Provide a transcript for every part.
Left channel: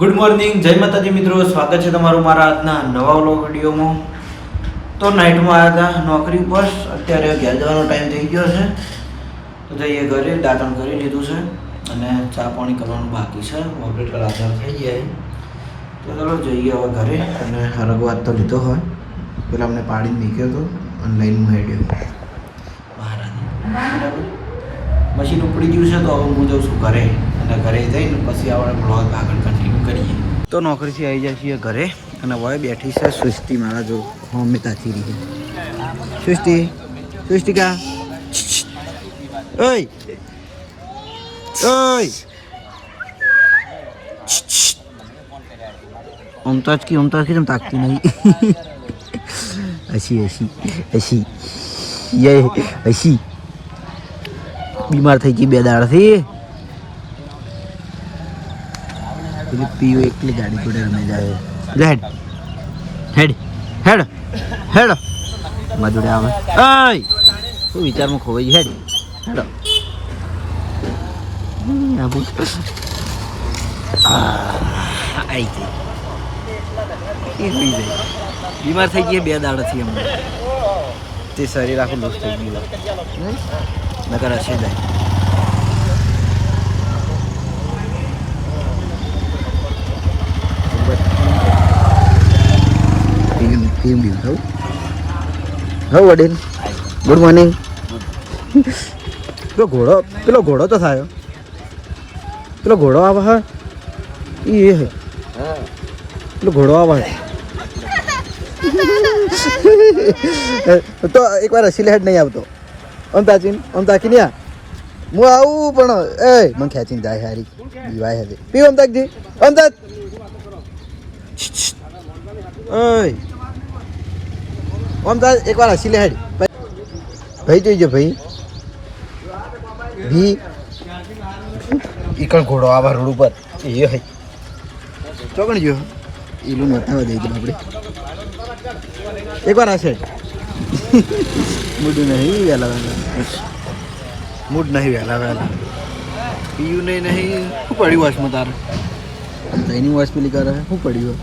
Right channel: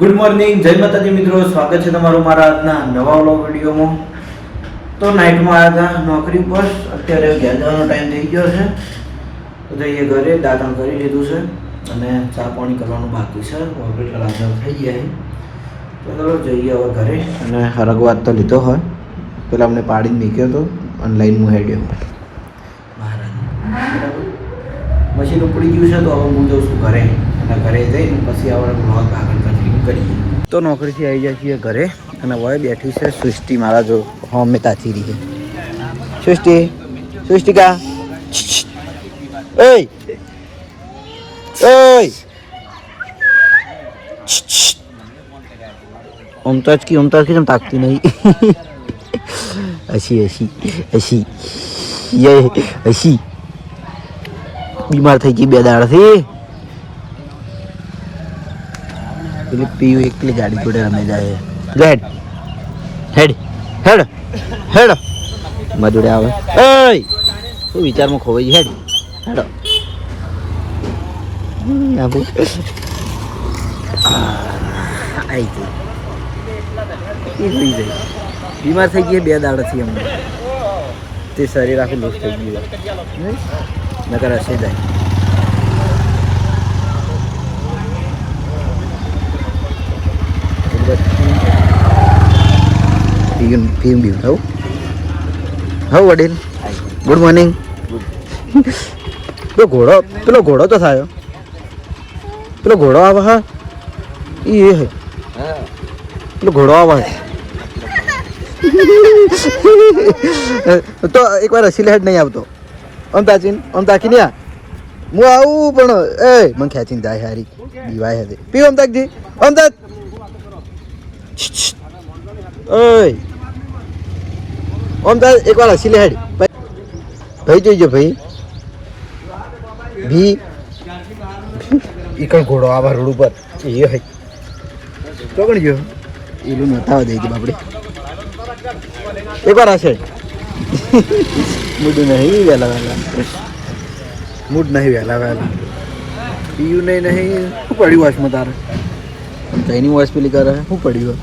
Good morning, જય માતાજી મિત્રો. સ્વાગત છે તમારું મારા આજના નવા વ્લોગ વિડીયોમાં. તો નાઇટમાં આવ્યા હતા નોકરી પર. અત્યારે ઘેર જવાનો ટાઈમ થઈ ગયો છે, તો જઈએ ઘરે. દાંતણ કરી લીધું છે અને ચા પાણી કરવાનું બાકી છે. ઓપરેટર હાજર થઈ ગયા તો ચલો જઈએ હવે ઘરે. અને હરગવાત તો લીધો હોય, પેલા અમને પાડીને નીકળ્યો હતો ઓનલાઈન હું હેડ્યો મહારાજ. બરાબર, મશીન ઉપડી ગયું છે તો હવે હું જઉં છું ઘરે, અને ઘરે જઈને પછી આપણે બ્લોગ આગળ કન્ટિન્યુ કરીએ. તો નોકરીથી આવી જાય છીએ ઘરે, અને હવે બેઠી છે સૃષ્ટિ મારા જો હોમે તાથી રહી છે. સૃષ્ટિકા ઓય ઓય ઓમતાજ કી તમ તાકતી નહીં. ऐसी बीमार થઈ ગઈ બે દાડથી. એટલે પીવું એકલી ગાડી જોડે રમે જાય. હેડ હેડ હેડ હેડ મારા જોડે આવે. ઓય શું વિચારમાં ખોવાઈ હેડ હેડ આબુ આઈ ગઈ. બીમાર થઈ ગઈ બે દાડાથી અમને. તે શરીર આખું લૂઝ થઈ ગયું નકર હશે જાય. વડીલ ગુડ મોર્નિંગ. પેલો ઘોડો તો થયો. પેલો ઘોડો આવે. હા એ હે પેલો ઘોડો આવે તો એક વાર હસી હેડ નહીં આવતો. આમ તાકી નહીં. હું આવું પણ એ મને ખેંચીને જાય હારી દીવાય હવે. પીવો આમ તાકજી આમ તાક. ઓય આમ તાક એક વાર હસી લે હેડ. ભાઈ જોઈજો ભાઈ ભી ઈકણ ઘોડો આવા રોડ ઉપર એ હે ચોકણ જો એલું નોતા દઈ દે બાપડે. એક વાર હશે મૂડ નહીં વહેલા મૂડ નહીં વહેલા પીયું નહીં શું પડ્યું વાસમાં તારે? એની વોઇસ પેલી કરે શું પડ્યું?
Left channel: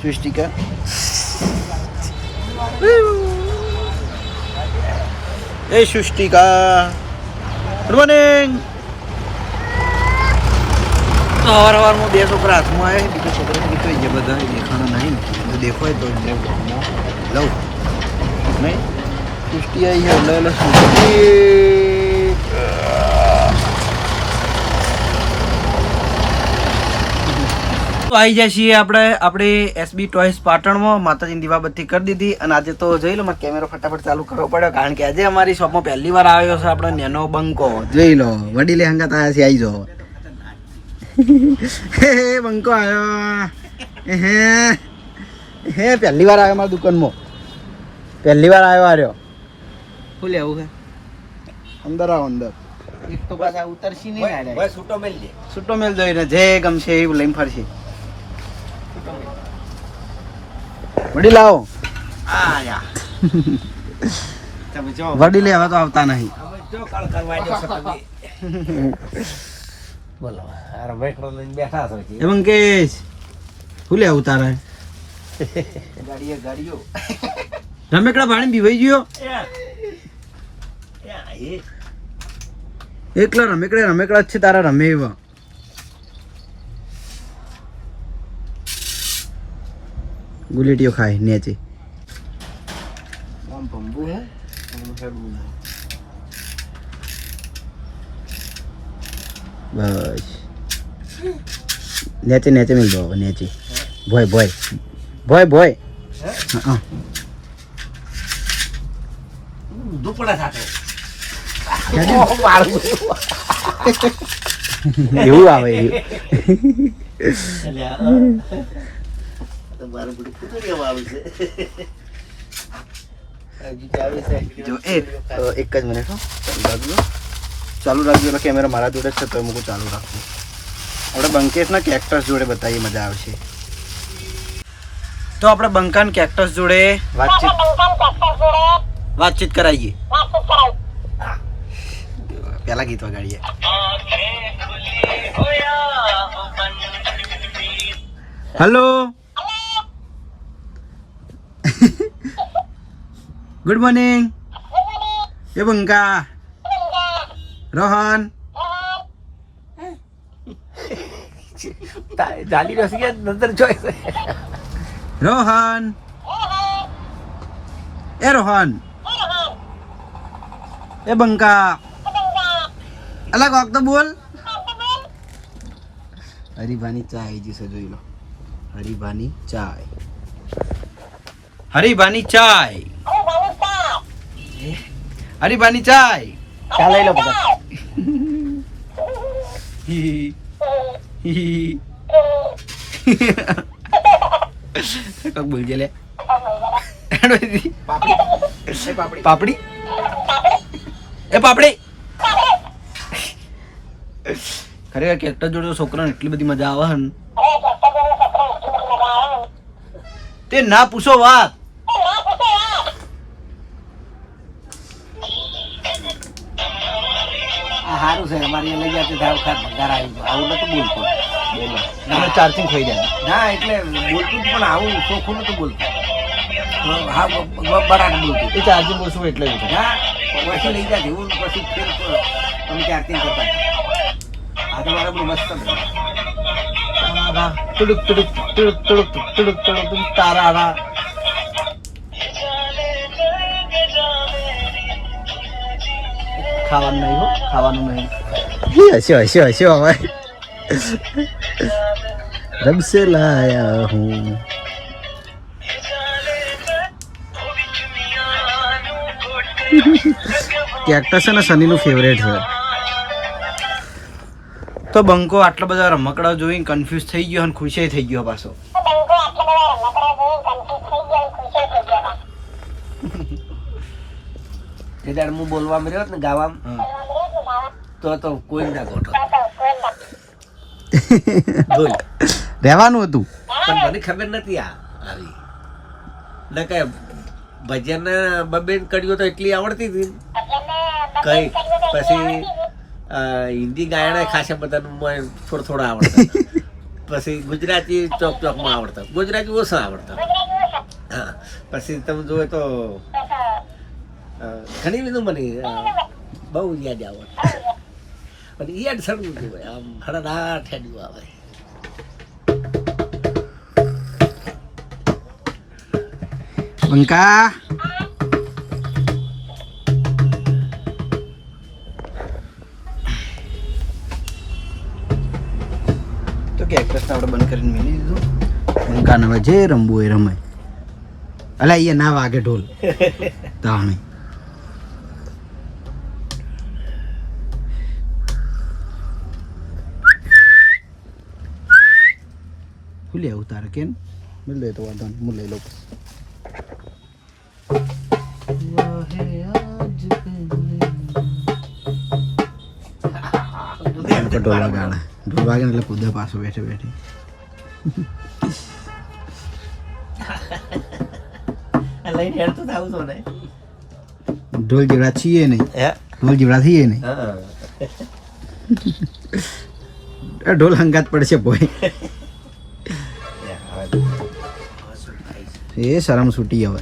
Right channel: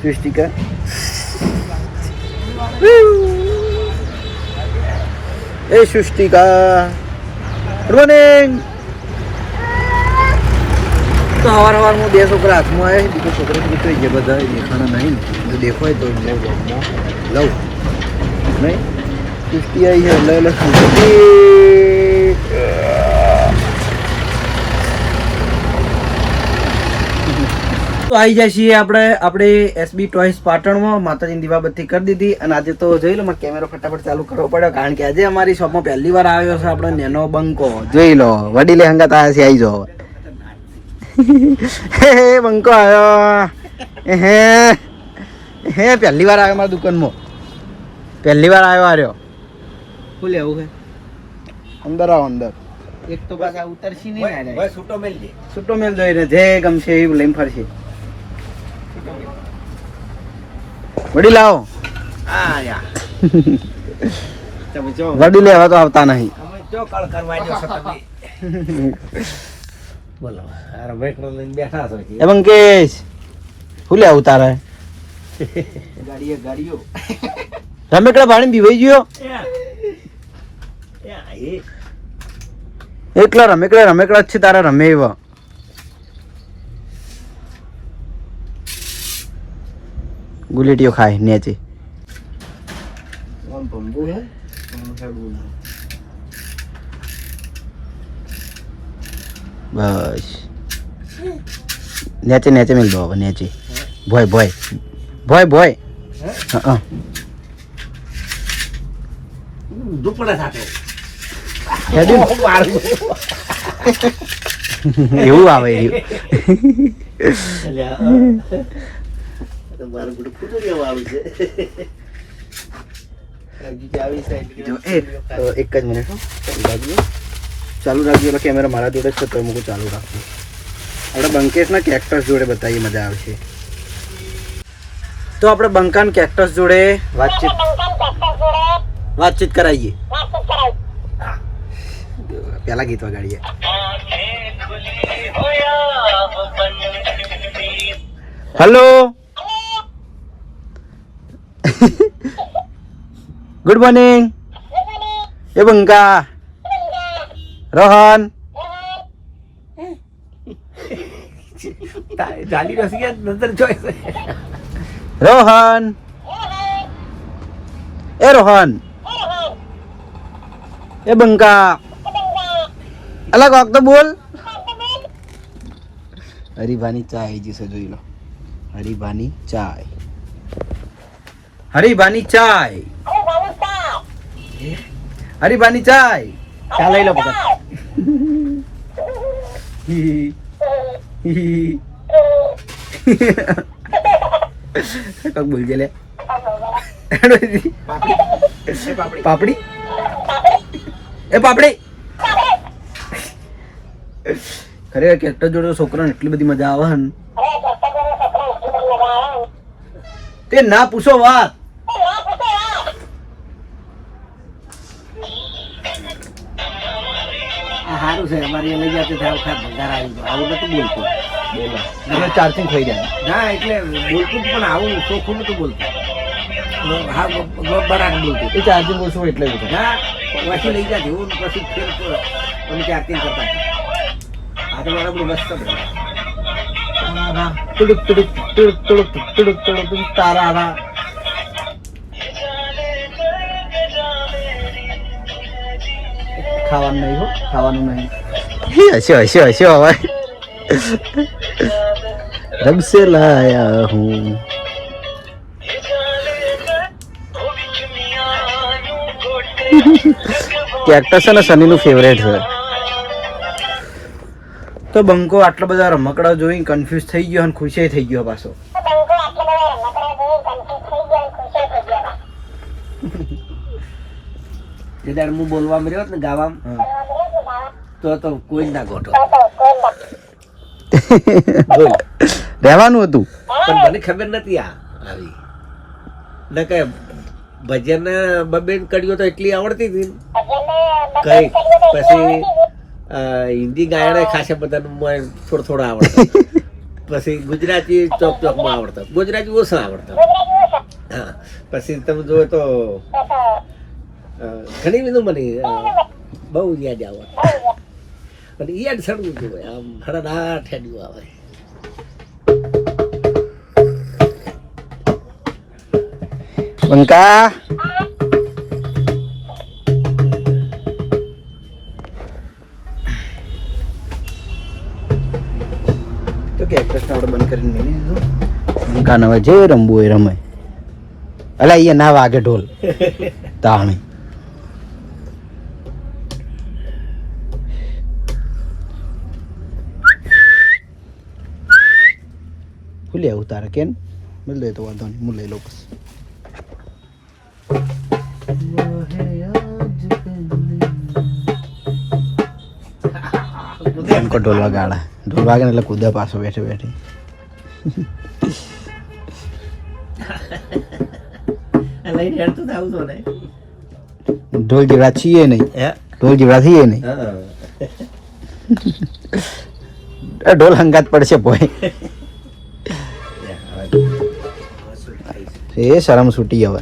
સૃષ્ટિકા એ સૃષ્ટિકા ગુડ મોર્નિંગ. તો સવારમાં બે છોકરા હાથમાં આવે, બીજો છોકરો તો જે બધા દેખાણા નહીં. જો દેખો હોય તો લઉં નહીં. સૃષ્ટિ આવી છે એટલે તો આવી જાય છીએ આપણે એસબી ટોયસ પાટણમાં. માતાજીની દીવાબત્તી કરી દીધી, અને આજે તો જોઈ લો મારે કેમેરો ફટાફટ ચાલુ કરવો પડ્યો, કારણ કે આજે અમારી શોપમાં પહેલી વાર આવ્યો છે આપણો નેનો બંકો. જોઈ લો વડીલે હંગાત આવ્યા છે. આવી જાઓ હે બંકો આવ્યો. હે પહેલી વાર આવ્યો મારા દુકાનમાં. પહેલી વાર આવ્યો. આર્યો શું લેવું છે? અંદર આવો અંદર. એક તો પાછા ઉતરશી નહીં. છૂટો મેલ દોઈને જે ગમશે એવું લઈને ફરશે. વડી લાવો. વડી લેવા તો આવતા નહીં. બોલો એ બંકેશ શું લેવું તારે? રમેકડા ભાણી પીવાઈ ગયો. એકલા રમેકડા જ છે તારા. રમે એવા ગુલેટીઓ ખાય નેચે. બસ નેચે મિલ દો નેચે. ભોય હા એવું આવે એક જ મિનિટ ચાલુ રાખજો. એટલે કેમેરા મારા જોડે છે તો મૂકું ચાલુ રાખજો. આપણે બંકેશના કેક્ટસ જોડે બતાવીએ, મજા આવશે. તો આપણે બંકાન કેક્ટસ જોડે વાતચીત કરાવીએ. પહેલા ગીત વગાડીએ. હેલો ગુડ મોર્નિંગ એ બંકા રોહન રોહન એ રોહન એ બંકા અલગ વાગ તો બોલ હરિભાની ચા આવી જશે જોઈ લો હરિભાની ચાય હરિભાની ચાય હરિભાની ચાય ચા લઈ લો બધા કક બોલજે લે પાપડી એ પાપડી ખરેખર કેક્ટર જોડે છોકરાને એટલી બધી મજા આવે ને તે ના પૂછો વાત સારું છે અમારી લઈ જતી થાય વખત ઘર આવી જાય આવું નતું બોલતું તમે ચાર્જિંગ થઈ જાય ના એટલે બોલતું પણ આવું ચોખ્ખું નતું બોલતું હા બરાબર બોલતું એ ચાર્જિંગ ઓછું એટલે જ હતું. ના પછી લઈ જાય એવું પછી ફેર અમે ત્યારથી કરતા આ તો મારે બધું મસ્ત તુડુક તુડુક તુડુક તુડુક તુડુક તુડુક તારા ખાવાનું નહીં હો ખાવાનું નહીં હસ્યો હસ્યો હસ્યો હવે રબ સે લાયા હું કેક્ટસ છે ને સનીનું ફેવરેટ છે તો બંકો આટલા બધા રમકડા જોઈને કન્ફ્યુઝ થઈ ગયો અને ખુશી થઈ ગયો પાછો એ દાડ હું બોલવા મળ્યો ને ગાવા તો કોઈ ના ગોઠો બોલ રહેવાનું હતું પણ મને ખબર નથી આવી ને કે ભજન બબેન કડીઓ તો એટલી આવડતી હતી કઈ પછી હિન્દી ગાયના ખાસા બધાનું થોડા આવડતા પછી ગુજરાતી ચોક ચોકમાં આવડતા ગુજરાતી ઓછા આવડતા હા પછી તમે જોવો તો ઘણી બધું મને બહુ યાદ આવે અને યાદ સડવું જોઈએ આમ હળદાટ હેડ્યું આવે બંકા તો કેક્ટસને આપણે બંધ કરીને મેલી દીધું બંકાને હવે જે રમવું હોય રમે અલા અહીંયા ના વાગે ઢોલ તાણી ખુલી આવું તારે કેમ મળી લે તો વાંધો નહીં હું લઈ લો પછી ઢોલ વાગાડા ઢોલ વાગે એટલે કૂદા પાછો બેઠે બેઠે ઢોલ જેવડા છીએ નહીં ઢોલ જેવડા થઈએ નહીં ઢોલ હંગાત પડશે ભાઈ એ શરમ છૂટી હવે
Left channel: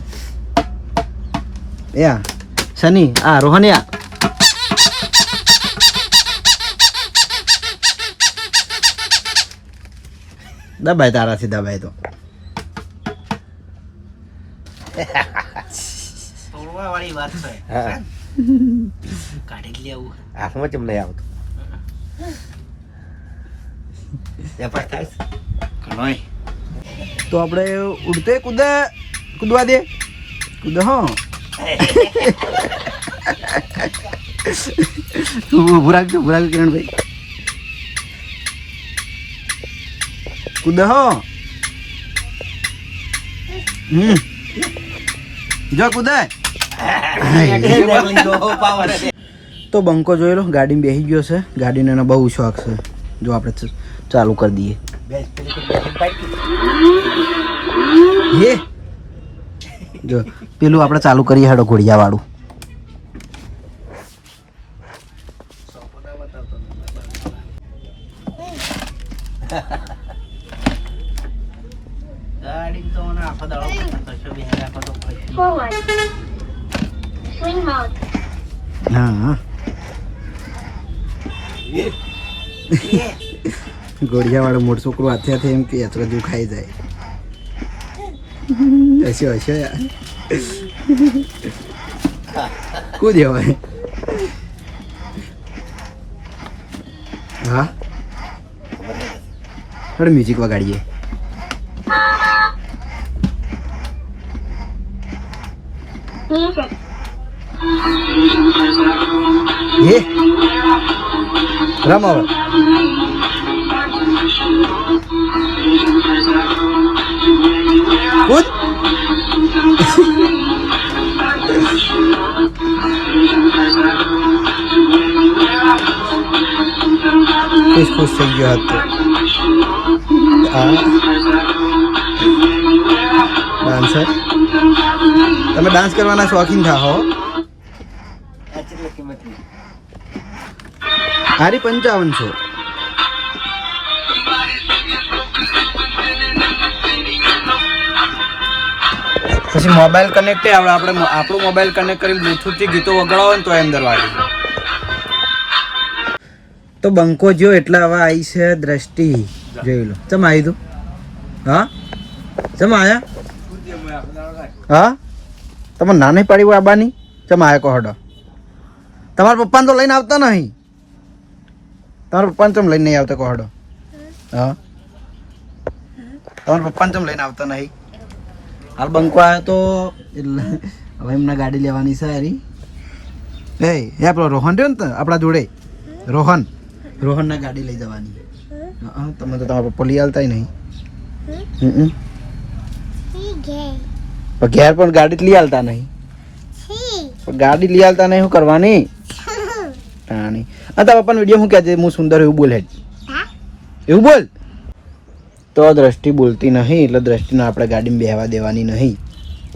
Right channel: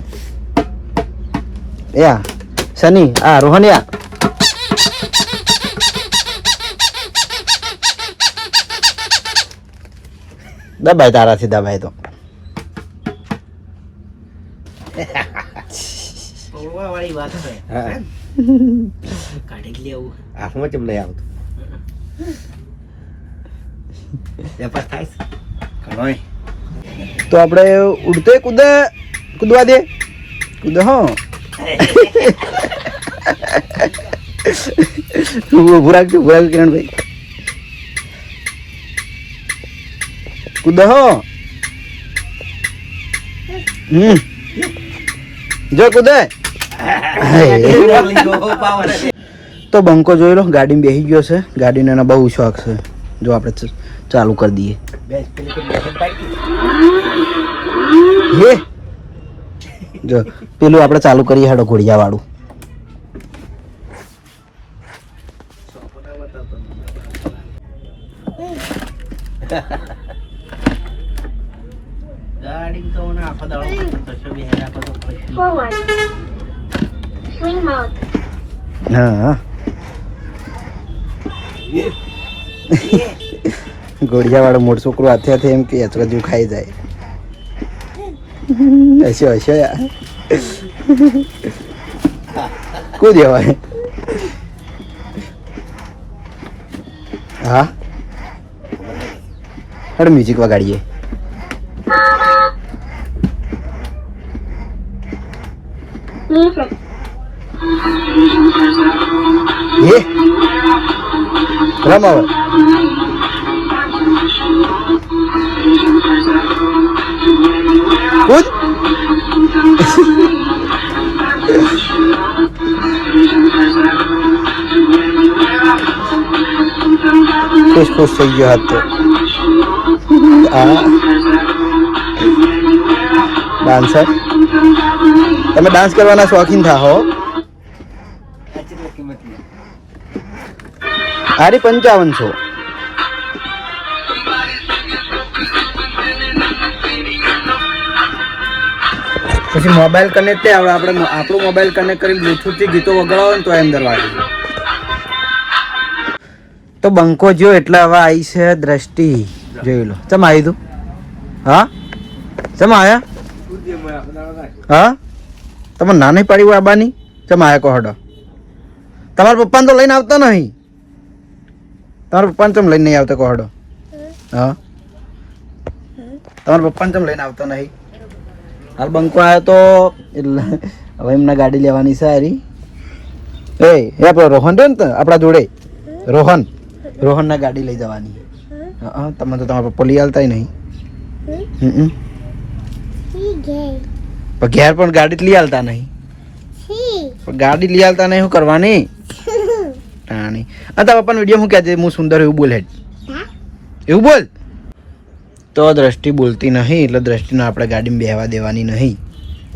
યા સની આ રોહનિયા દબાય તારાથી દબાય તો વાળી વાત છે કાઢી લેવું હાથમાં ચમ લઈ આવતું તો આપણે ઉડતે કૂદે કૂદવા દે કૂદે હા ઉભું રાખજો કિરણભાઈ કૂદે હો જો કૂદે તો બંકો જોઈ લો ગાડીમાં બેસી ગયો છે ગાડીને એનો બહુ શોખ છે જો આપણે ચાલુ કરી દઈએ હે જો પેલું આપણે ચાલુ કરીએ હેડો ઘોડિયા વાળું ગાડી તો ના આખો દાડો કશો બી આખો તો કશું. Forward. Swing mode. હા ગોળિયા વાળો મોટ છોકરો હાથે હાથે એમ કે હજુ ખાઈ જાય હસ્યો હસ્યો યાર કુદ દેવાય હા અરે મ્યુઝિક વગાડીએ Music. એ રમાવો કુદ ખુશ થઈ ગયો હાથ તો ડાન્સર તમે ડાન્સ કરવાના શોખીન થાઓ આરી 55 પછી મોબાઈલ કનેક્ટ આવડે આપણે આપણું મોબાઈલ કનેક્ટ કરી બ્લૂટૂથ થી ગીતો વગાડો ને તો અંદર વાગે તો બંકો જો એટલે હવે આવી છે દ્રષ્ટિ જોઈ લો ચમ આવી તું હા ચમ આયા હા તમે નાની પાડી હોય આબાની ચમ આયા કહો હડો તમારા પપ્પાને તો લઈને આવતા નહીં તમારા પપ્પાને ચમ લઈને નહીં આવતા કહો હડો હા તમારા પપ્પાને ચમ લઈને આવતા નહીં હાલ બંકો આવ્યો તો એટલે હવે એમના ગાડી લેવાની છે હારી એ આપણો રોહન રહ્યો ને આપણા જોડે રોહનના ગાડી લઈ જવાની હા તમે તો તમારા પપ્પા લઈ આવતા નહીં ઘેર પણ ગાડી લઈ આવતા નહીં ગાડી લઈ આવતા નહીં શું કરવાની તારા પપ્પાનો વિડીયો શું કહે છે હું સુંદર એવું બોલે એવું બોલ તો દ્રષ્ટિ બોલતી નહીં એટલે દ્રષ્ટિને આપણે ગાડીમાં બેહવા દેવાની નહીં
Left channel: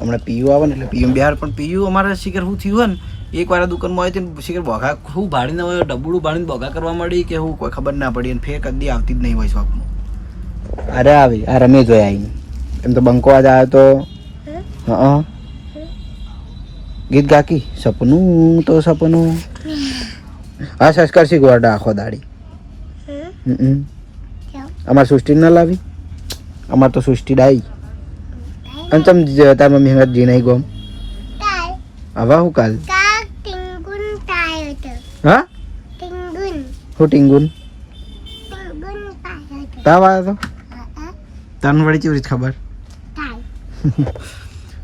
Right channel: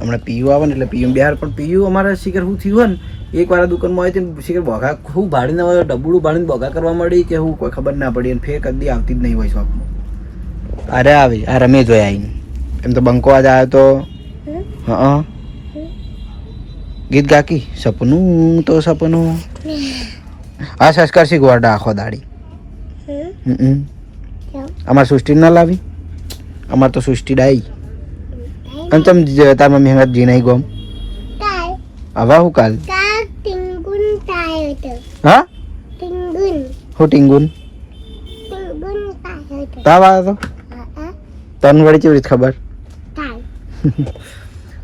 હમણાં પીયું આવે ને એટલે પીયું બિહાર પણ પીયું અમારે શિખર શું થયું હોય ને એકવાર દુકાનમાં આવી હતી શિખર બોઘા ખૂબ ભાડીને હોય ડબુડું ભાડીને બોઘા કરવા મળી કે હું કોઈ ખબર ના પડી અને ફેર કદી આવતી જ નહીં હોય શોપમાં અરે આવી આ રમે જોઈ આવી એમ તો બંકો આજ આવ્યો તો હા ગીત ગાકી સપનું તો સપનું આ સંસ્કાર શીખવાડા આખો દાડી અમાર સૃષ્ટિ ના લાવી અમાર તો સૃષ્ટિ ડાઈ અને તમ તારમાં મહેનત જી નહીં ગમ આવા હું કાલ હા હું ટીંગુન તાવ આવ્યો તો તન વળી કેવી રીત ખબર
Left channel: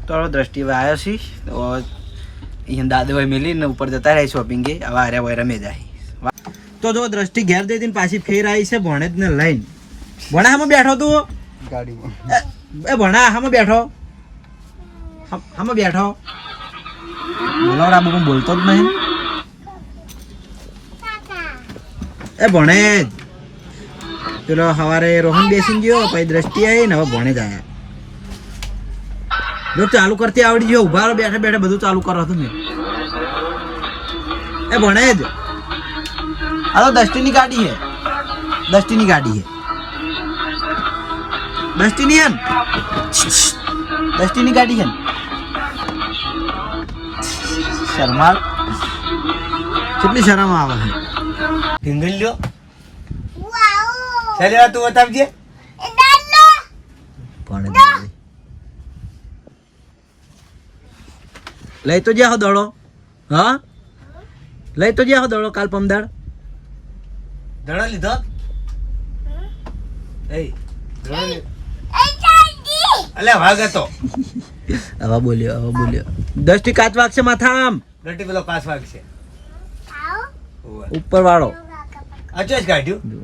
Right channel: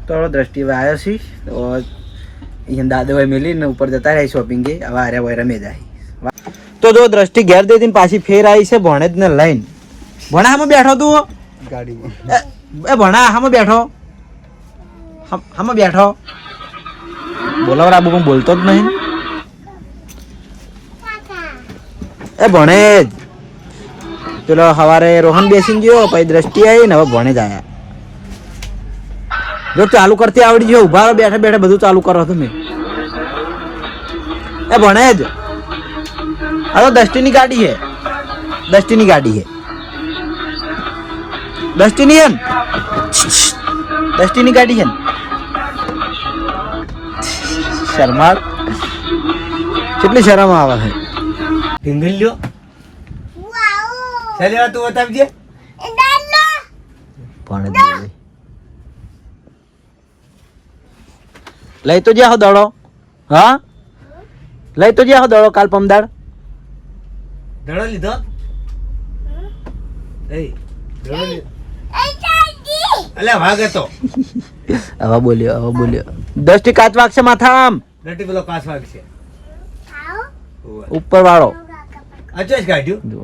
તો દ્રષ્ટિ હવે આવ્યો છી તો અહીંયા દાદાભાઈ મેલીને ઉપર જતા રહી શોપિંગે હવે આર્યા ભાઈ રમે જાય તો જો દ્રષ્ટિ ઘેર દઈ પાછી ફેર આવી છે ભણે જ ને લઈને ભણા હામાં બેઠો તું ગાડીમાં એ ભણા હામાં બેઠો હામાં બેઠો બોલાવ રાબુ હું બોલતો જ નહીં એ ભણે જ પેલો સવારે રોહન બેસીને ગયો પછી દ્રષ્ટિ આવી ને હવે ભણે જ આવ્યા જો ચાલુ કરતી આવડી ગયો ઉભા બેઠા બેઠા બધું ચાલુ કરો તમે એ ભણે જ આ તો દસ્ટીની ગાડી है દસ્ટીની ગાડી है દસ્ટીની है દસ્ટીની ગાડી है શર્માળ કેટલી શરમ આવે છે ઢીંગલી લ્યો ચાલે તું બતાવજે પણ લઈ તો જ્યાં દડો હા લઈ તો જ્યાં દડો કાલ પમદાડ દડો લીધો એ દડો અલે ભાગ હતો હવે બોલ્યો દસ્ટી કાચ વાગશે માથા આમ નટી પેલો કાચ વાગ છે ઉપર વાળો અચોજ કાઢ્યું જો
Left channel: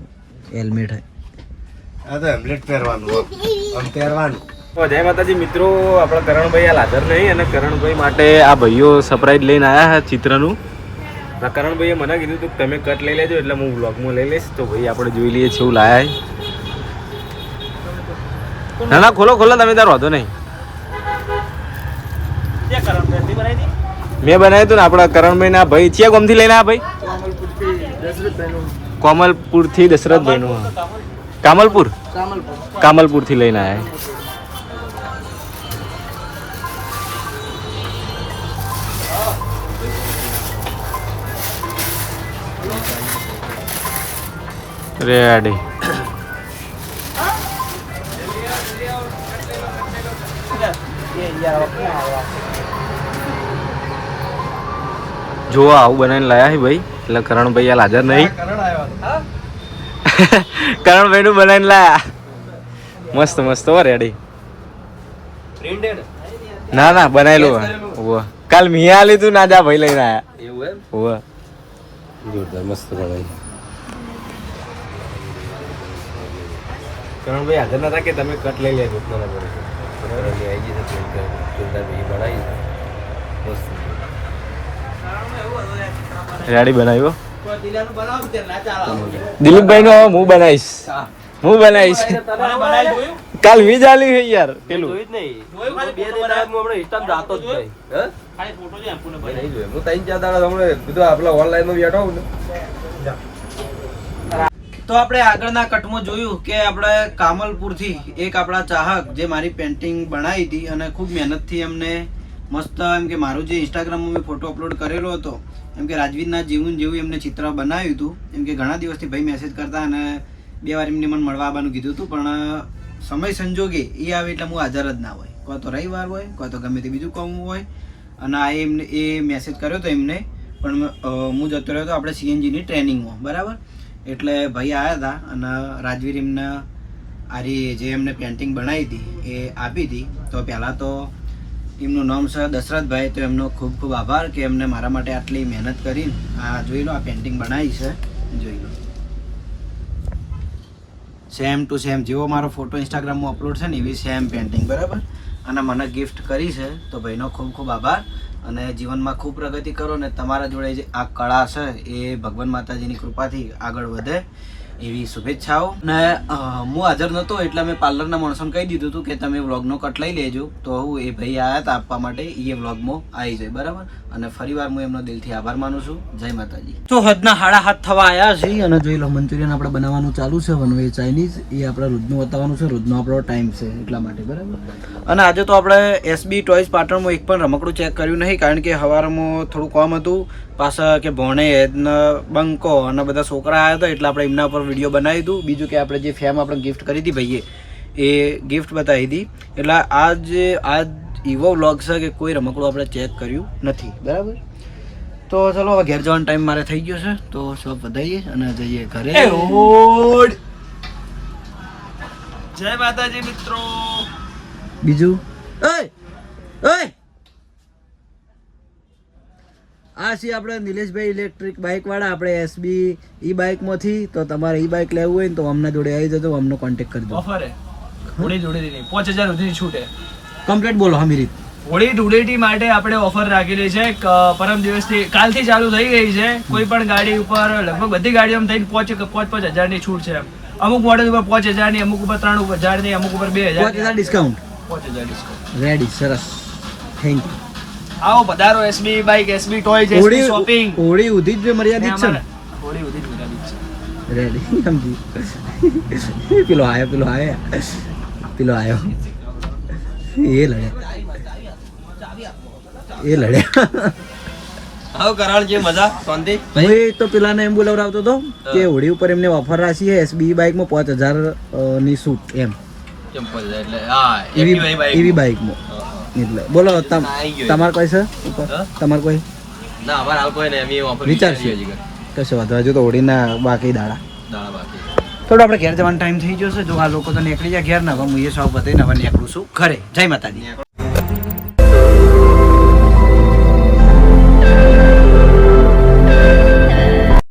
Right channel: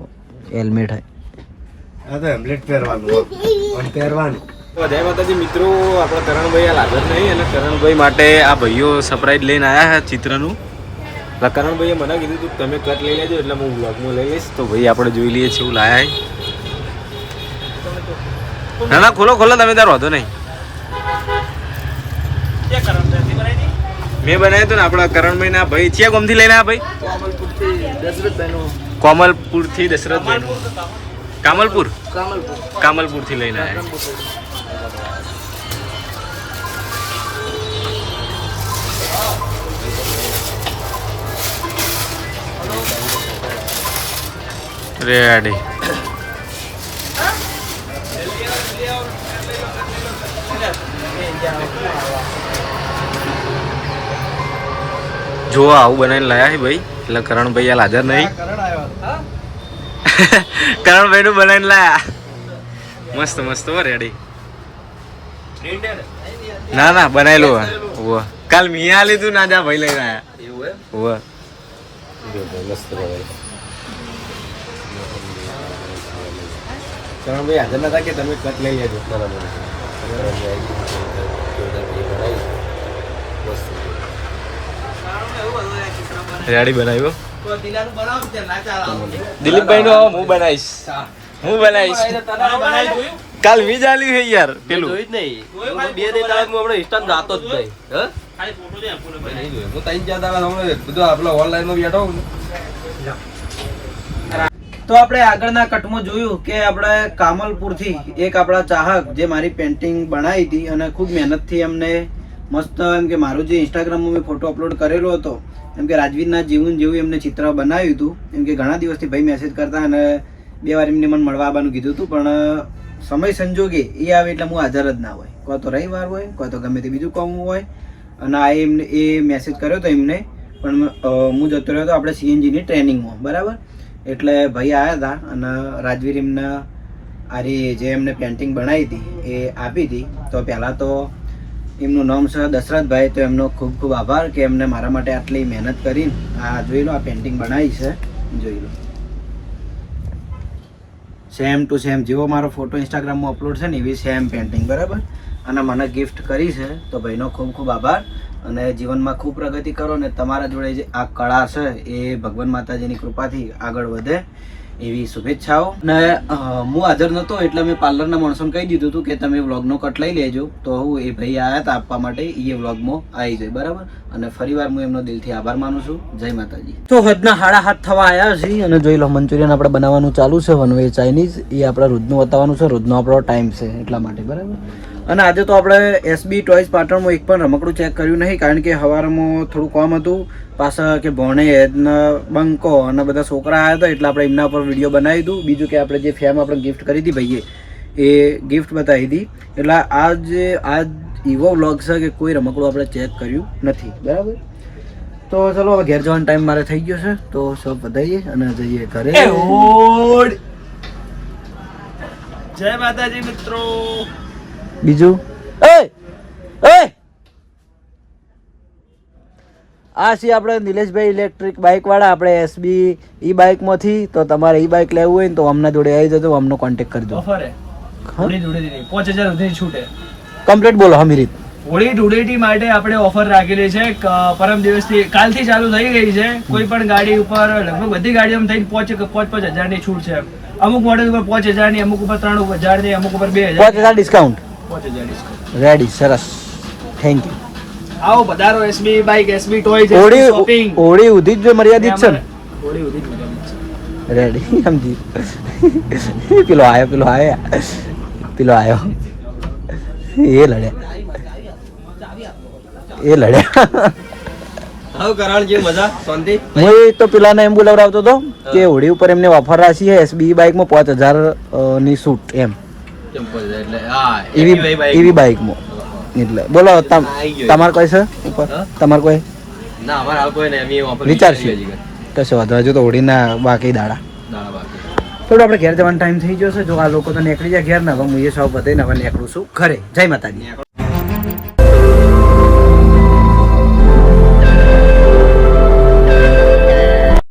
હેલ્મેટ હે આ તો હેલ્મેટ પહેરવાનું આમ પહેરવાનું તો જય માતાજી મિત્રો, આપણા કરણભાઈ આ લાગર નહીં અને કરણભાઈ માટે આ ભાઈઓ સરપ્રાઈઝ લઈને આવ્યા છે ચિત્રનું. એટલે કરણભાઈએ મને કીધું હતું તમે કટ લઈ લેજો એટલે હું વ્લોગમાં લઈ લઈશ. તો ભાઈ આપણે જોઈ લઈએ છીએ એવું લાયા. ના ના ખોલો તમે તાર વાંધો નહીં. મેં બનાવ્યું હતું ને આપણા કરણભાઈ ના ભાઈ ચિયા ગામથી લઈને આવ્યા ભાઈ? કોમલપુરથી દશરથભાઈનું. કામલપુરથી લઈને આવ્યા. રેડી જો આવું બનાવીને લાયા છે ભાઈ, એટલે કરણભાઈ હાલ હાજર નહીં. કરણભાઈ નું બનાવીને લાયા. મસ્ત મસ્ત હો રેડી. ના ના બનાવેલું હો. કાલ મિયા આલી તું ના જા ભાઈ લઈને આયા હો. મસ્ત કરણભાઈ હાજર નતા કે તમે કટ લઈ લેજો. રેડી બનાવ્યો દિલીપભાઈ નો હું બનાવીશ. હું બનાવીશ કાલ વીજ આલી છે યાર પેલું. તો આપણે આગળના કટમાં જોયું કે આપણે કામલપુરથી એક આપણા ચાહક જે મારી પેન્ટિંગ બનાવી હતી અને ખૂબ મહેનતથી એમને મસ્ત એમ કે મારું જે ઇન્સ્ટાગ્રામમાં મેં ફોટો અપલોડ કરેલો હતો એમ કે રાજવીરના જીવન જેવું એમને ચિત્ર બનાવ્યું હતું. એમ કે ઘણા દિવસથી ભાઈ મેસેજ કરતા અને 2 વાર એમને મને મળવા આવવાનું કીધું હતું, પણ સમય સંજોગે એ આવે એટલે હું હાજર જ ના હોય. કોઈ તો રવિવાર હોય, કોઈ તો ગમે તે બીજું કામ હોય. અને આ એમને એ મેસેજ કર્યો હતો એમને, પણ હું જતો રહ્યો હતો આપણે સીએનજીની ટ્રેનિંગમાં, બરાબર. એટલે ભાઈ આવ્યા હતા અને રાજવીર એમને આરી જે એમને પેન્ટિંગ બનાવી હતી એ આપી હતી. તો પહેલાં તો એમનું નામ છે દશરથભાઈ, તો એમનો ખૂબ ખૂબ આભાર કે એમને મારા માટે આટલી મહેનત કરીને આ જોઈ લો, આ પેન્ટિંગ બનાવી છે, જોઈ લો. સેમ ટુ સેમ જેવો મારો ફોટો ઇન્સ્ટાગ્રામમાં અપલોડ છે ને એવી સેમ પેન્ટિંગ, બરાબર. અને મને ગિફ્ટ કરી છે, તો ભાઈનો ખૂબ ખૂબ આભાર. અને જીવનમાં ખૂબ પ્રગતિ કરો ને તમારા જોડે જે આ કળા છે એ ભગવાન માતાજીની કૃપાથી આગળ વધે એવી શુભેચ્છાઓ. ને હું હાજર નહોતો એટલે મેં પાર્લરના માણસોને કહી દીધું હતું કે તમે વ્લોગનો કટ લઈ લેજો. તો હું એ ભાઈ આવ્યા હતા આપવા માટે, એ વ્લોગમાં આવી જાય, બરાબર. અને ફરીવાર હું એમનો દિલથી આભાર માનું છું. જય માતાજી. તો હદના 7:30 થવા આવ્યા છે અને જોઈ લો મંચુરિયન આપણે બનાવવાનું ચાલુ છે, વન વે ચાઇનીઝ. એ આપણે રોજનું બતાવવાનું છે, રોજનો આપણો ટાઈમ છે એટલા માટે, બરાબર. અને આજે તો આપણે એસબી ટોયઝ પાટણમાં એક પણ રમકડું ચેક કર્યું નહીં, કારણ કે સવારમાં થોડું કામ હતું. પાછા કે ભણે બંકો અને બધા છોકરા આવ્યા હતા એટલે આપણે એમના પર વિડીયો બનાવી દીધું. બીજું કે આપણે જે ફેમ આપણે ગિફ્ટ કરી હતી ભાઈએ એ ગિફ્ટ બતાવી હતી. એટલે આજ એવો વ્લોગ છે કે કોઈ રમકડું આપણે ચેક કર્યું નથી, બરાબર. તો ચલો હવે ઘેર જવાનો ટાઈમ મારે થઈ ગયો છે, તો સૌ વધાઈએ અને જઈએ ઘરે. જય માતાજી મિત્રો. બીજું આ છે આપણે નિલેશભાઈ ઇલેક્ટ્રિક બાઇક વાળા, આપણે એસબી ઈ બાઇકમાંથી. તો તમારે ઈ બાઇક લેવું હોય ને તો અમને જોડે આવી જજો, અમને કોન્ટેક્ટ કરજો. ઓફર હે હોળી ધૂળેટી 5000 સુધી છૂટ હે. કમ્પ્લીટ બોલો હમી રીત. હોળી ધૂળેટી માટે આપણે ઓફર રાખેલી છે. પરમ દિવસથી કાલથી ચાલુ થઈ ગઈ છે. કોઈ પણ ગાડી ઉપર લગભગ બધી ગાડીઓમાં થઈને 5,000 ની છૂટ છે. અમુક મોડેલ ઉપર 5,000 ની, અમુક ઉપર 3,000 ની, અમુક ઉપર 2,000 5000 ડિસ્કાઉન્ટ. 5,000 ડિસ્કાઉન્ટ. રેડી, સરસ, થેન્ક યુ. આવો પધારો SB bike, SB toy, SB shopping. Holi ઉધી જ મર્યાદિત છે ને? હોળી ઉધી મર્યાદિત છે. રેડી, સમજી. પેલો આયો એ લડ્યા. આવો કરાણ જે મજા શાંતિ. હું તો પેલાને એમ બોલાવડાવતો હતો કે હોળી ઉપર એમને ઓફર રાખી છે એસબી બાઇકમાં 5,000 ની છૂટ એમ. એટલે હા એવી બાઇકમાં. એટલે બોલો તમારે કોઈ છે ઉપર? તમારે કોઈ ના અમારે હાલ કોઈ નહીં, અમે ઓફર વિચારશું. કશો વાંધો હજુ તો હોળીના બાકી દાડા. થોડું આપણે ઘેર જવાનો ટાઈમ થઈ ગયો છે. જો આ લોકો તો નીકળી જાય ઘેર ને, હવે હું એ સૌ બધાને હવે નીકળું છું ઘરે. જય માતાજી.